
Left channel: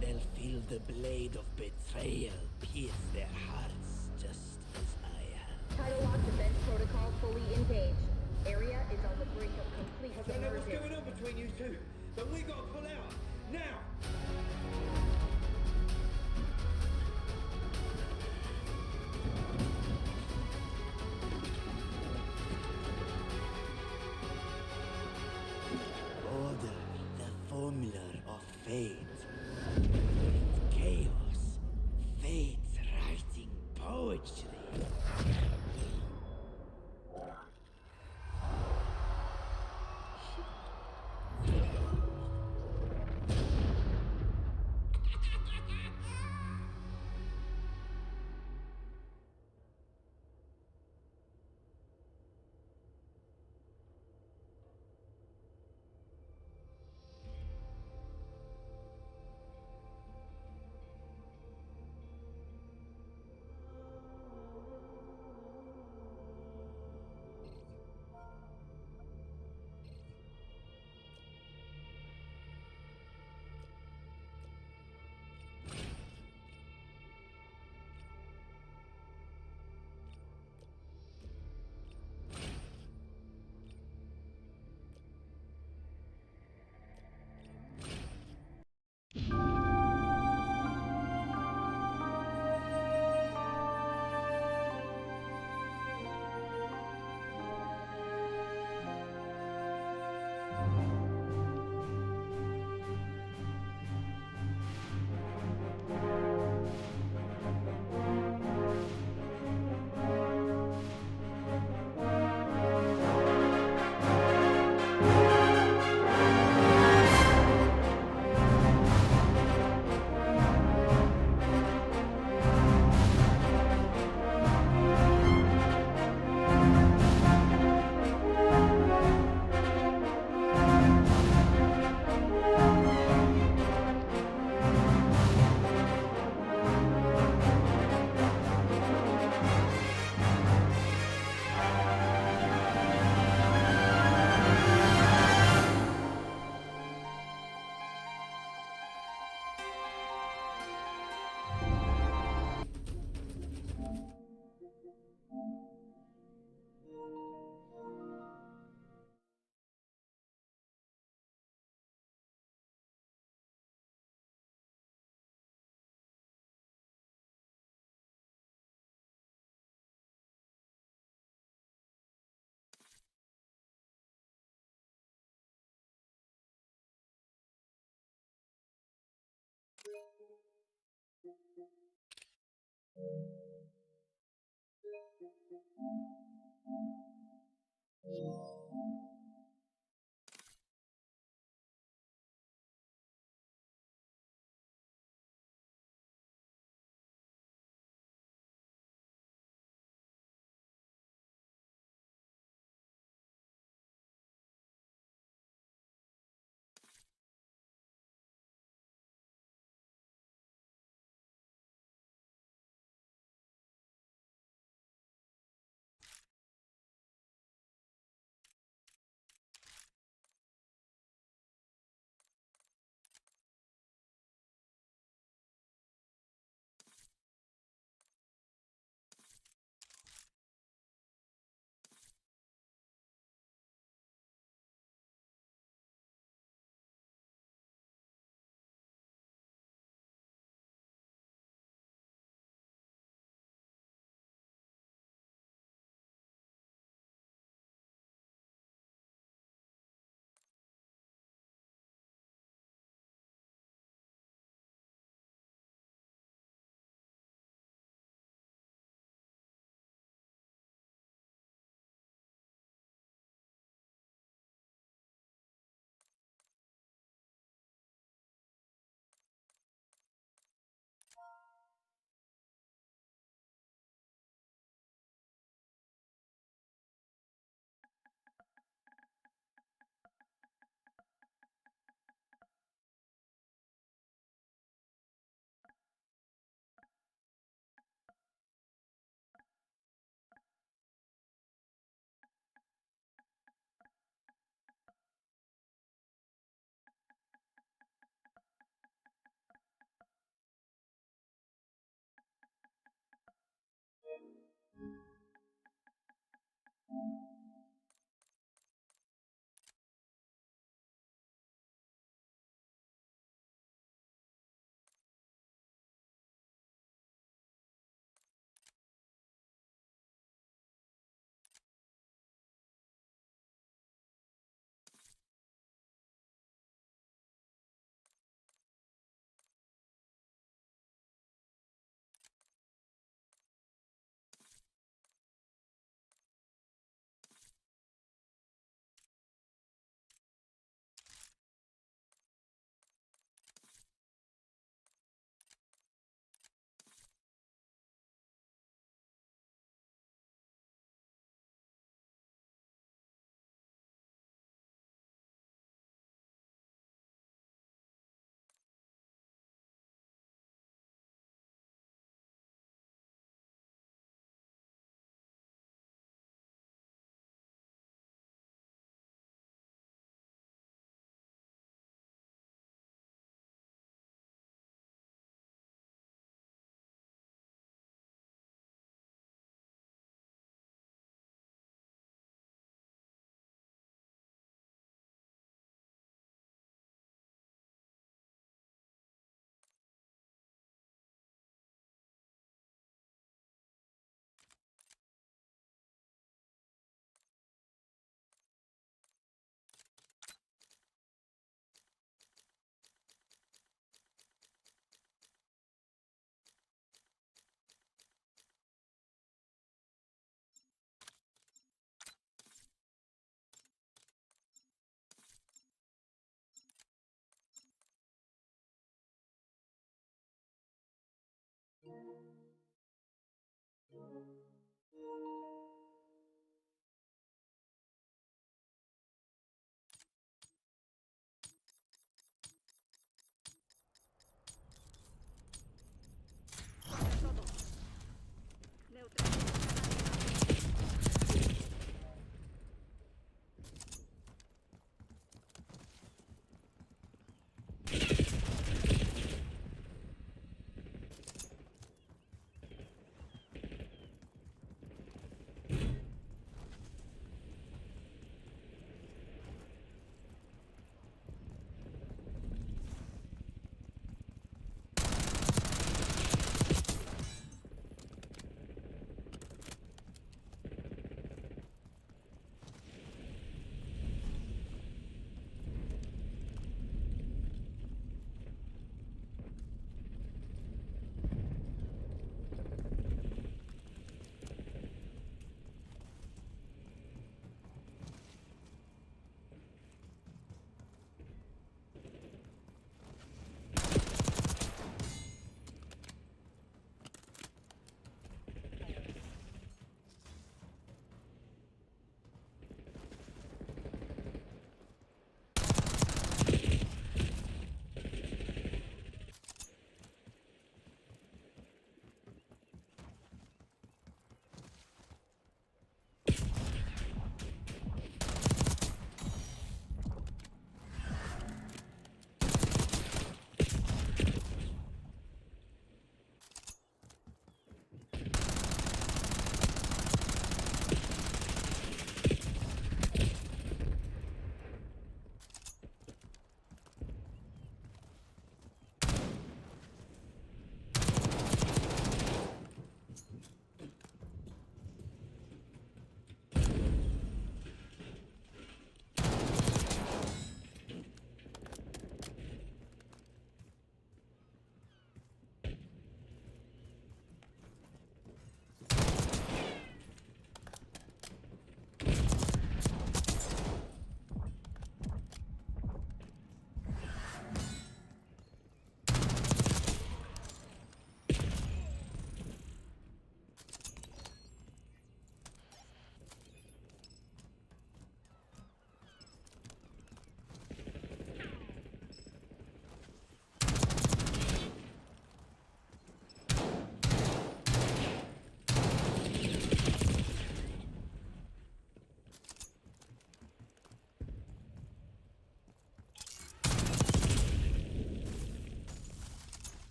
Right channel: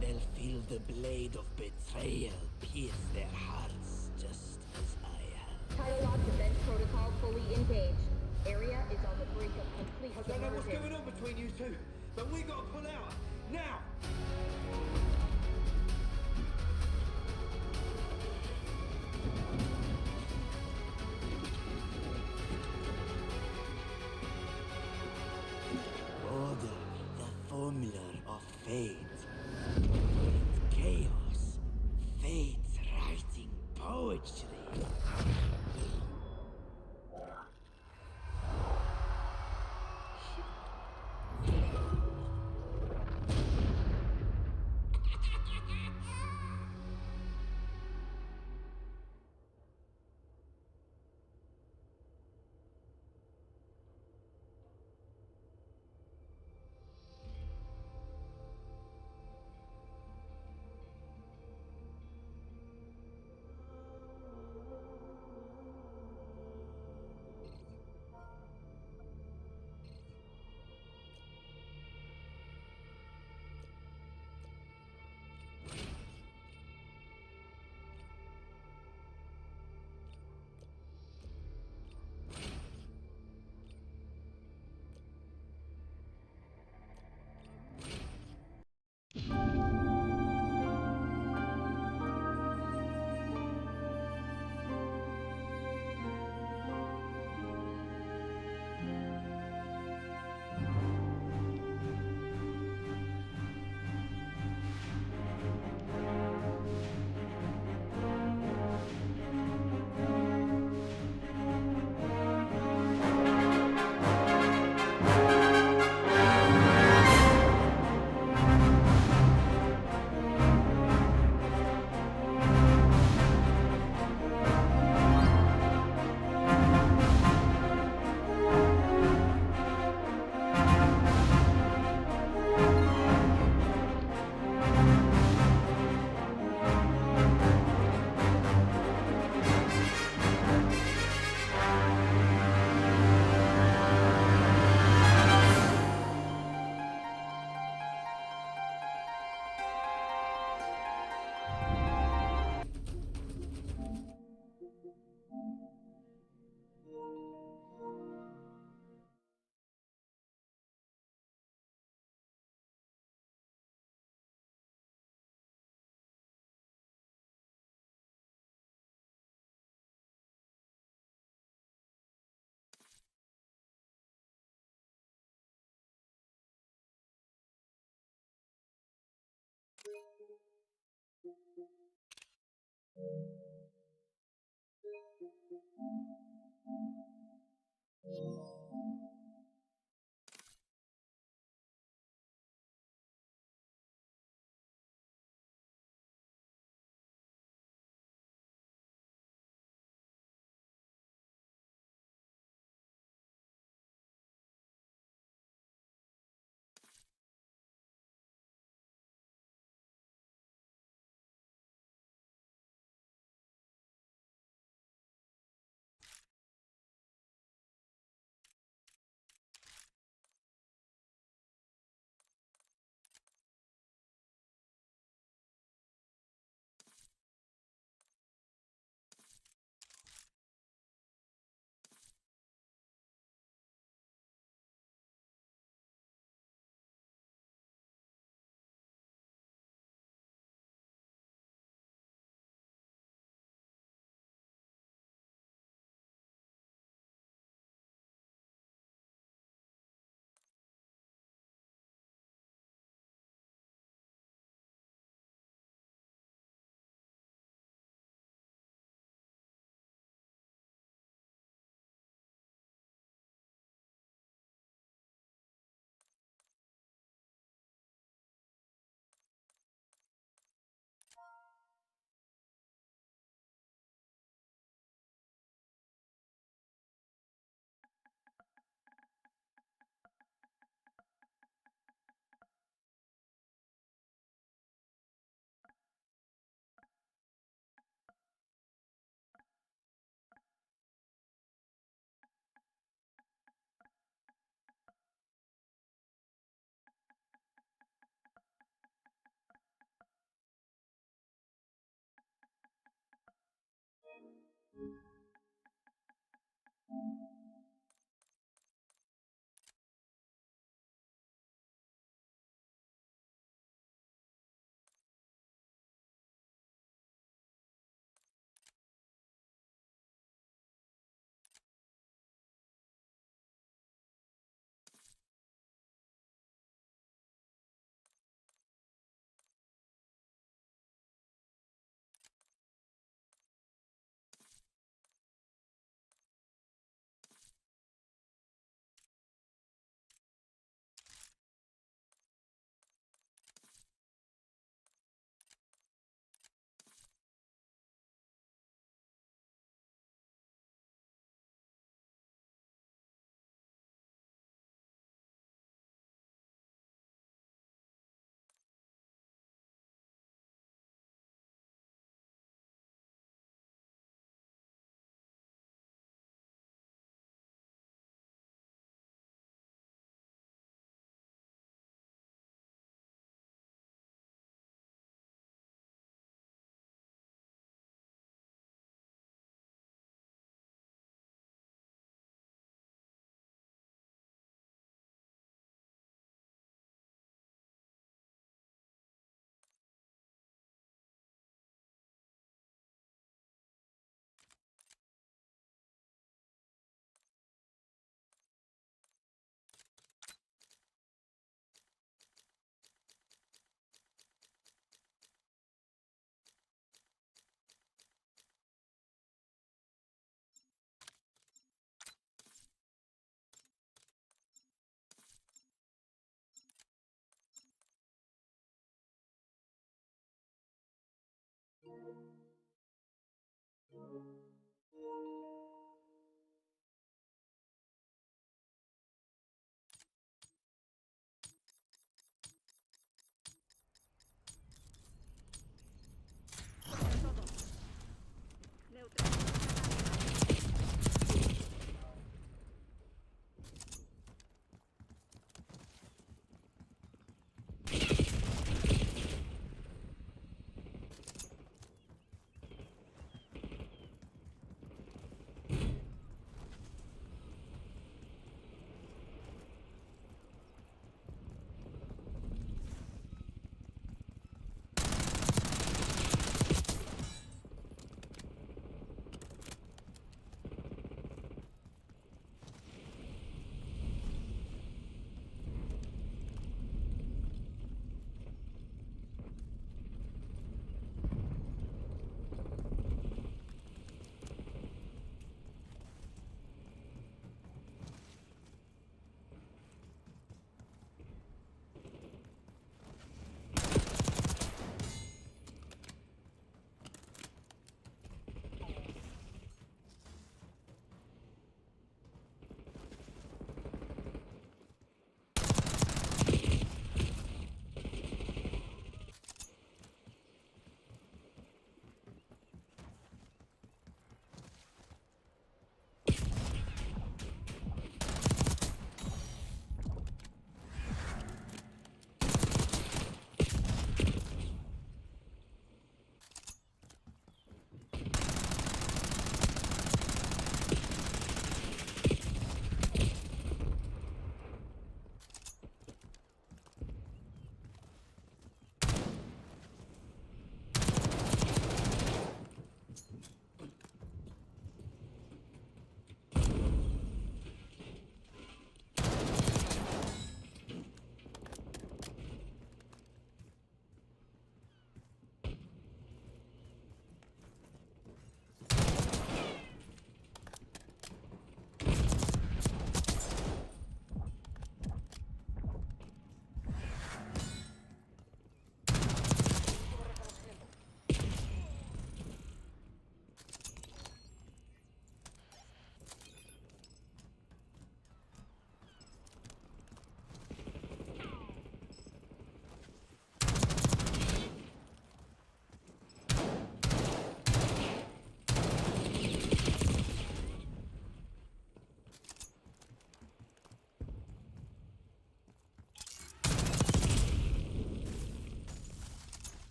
They'll feel the blade of betrayal pierce their hearts just as I have. Tidal lock defense protocol fully engaged. Area is on the brink of complete I don't know what's submersion. going on between you two, but we gotta pull out. Now! Order, the formula of fate. With chaos, fate's writing poetry.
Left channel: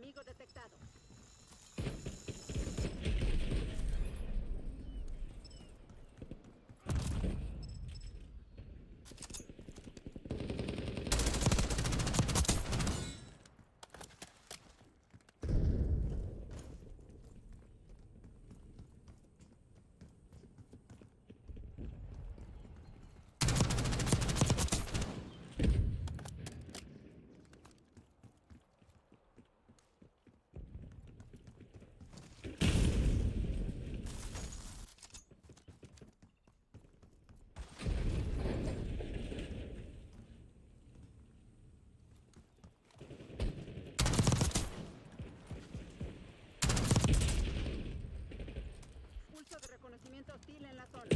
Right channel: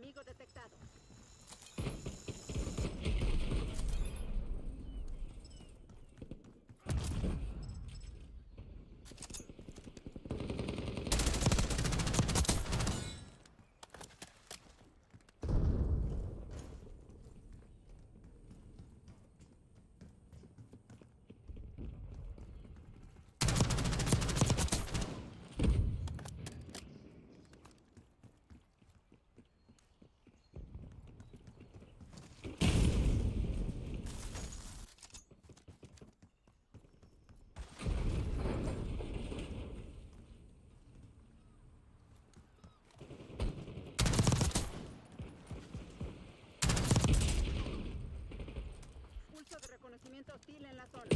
Enemigo detectado. Pulso de reconocimiento hostil en la zona.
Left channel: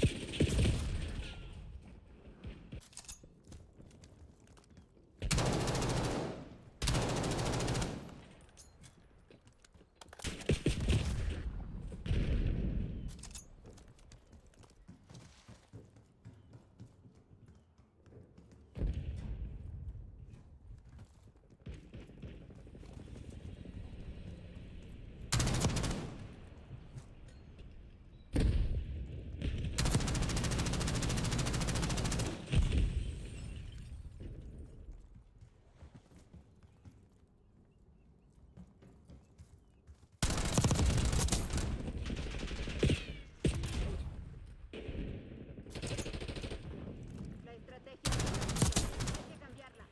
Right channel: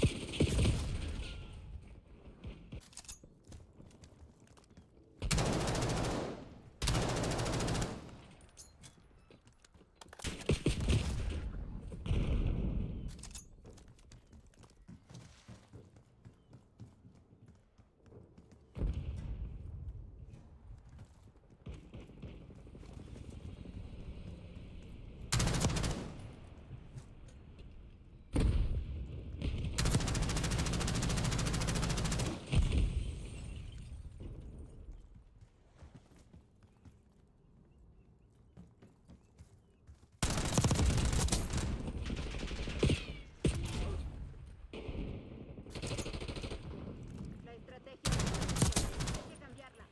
La estrategia no funciona. Hay que cambiarla.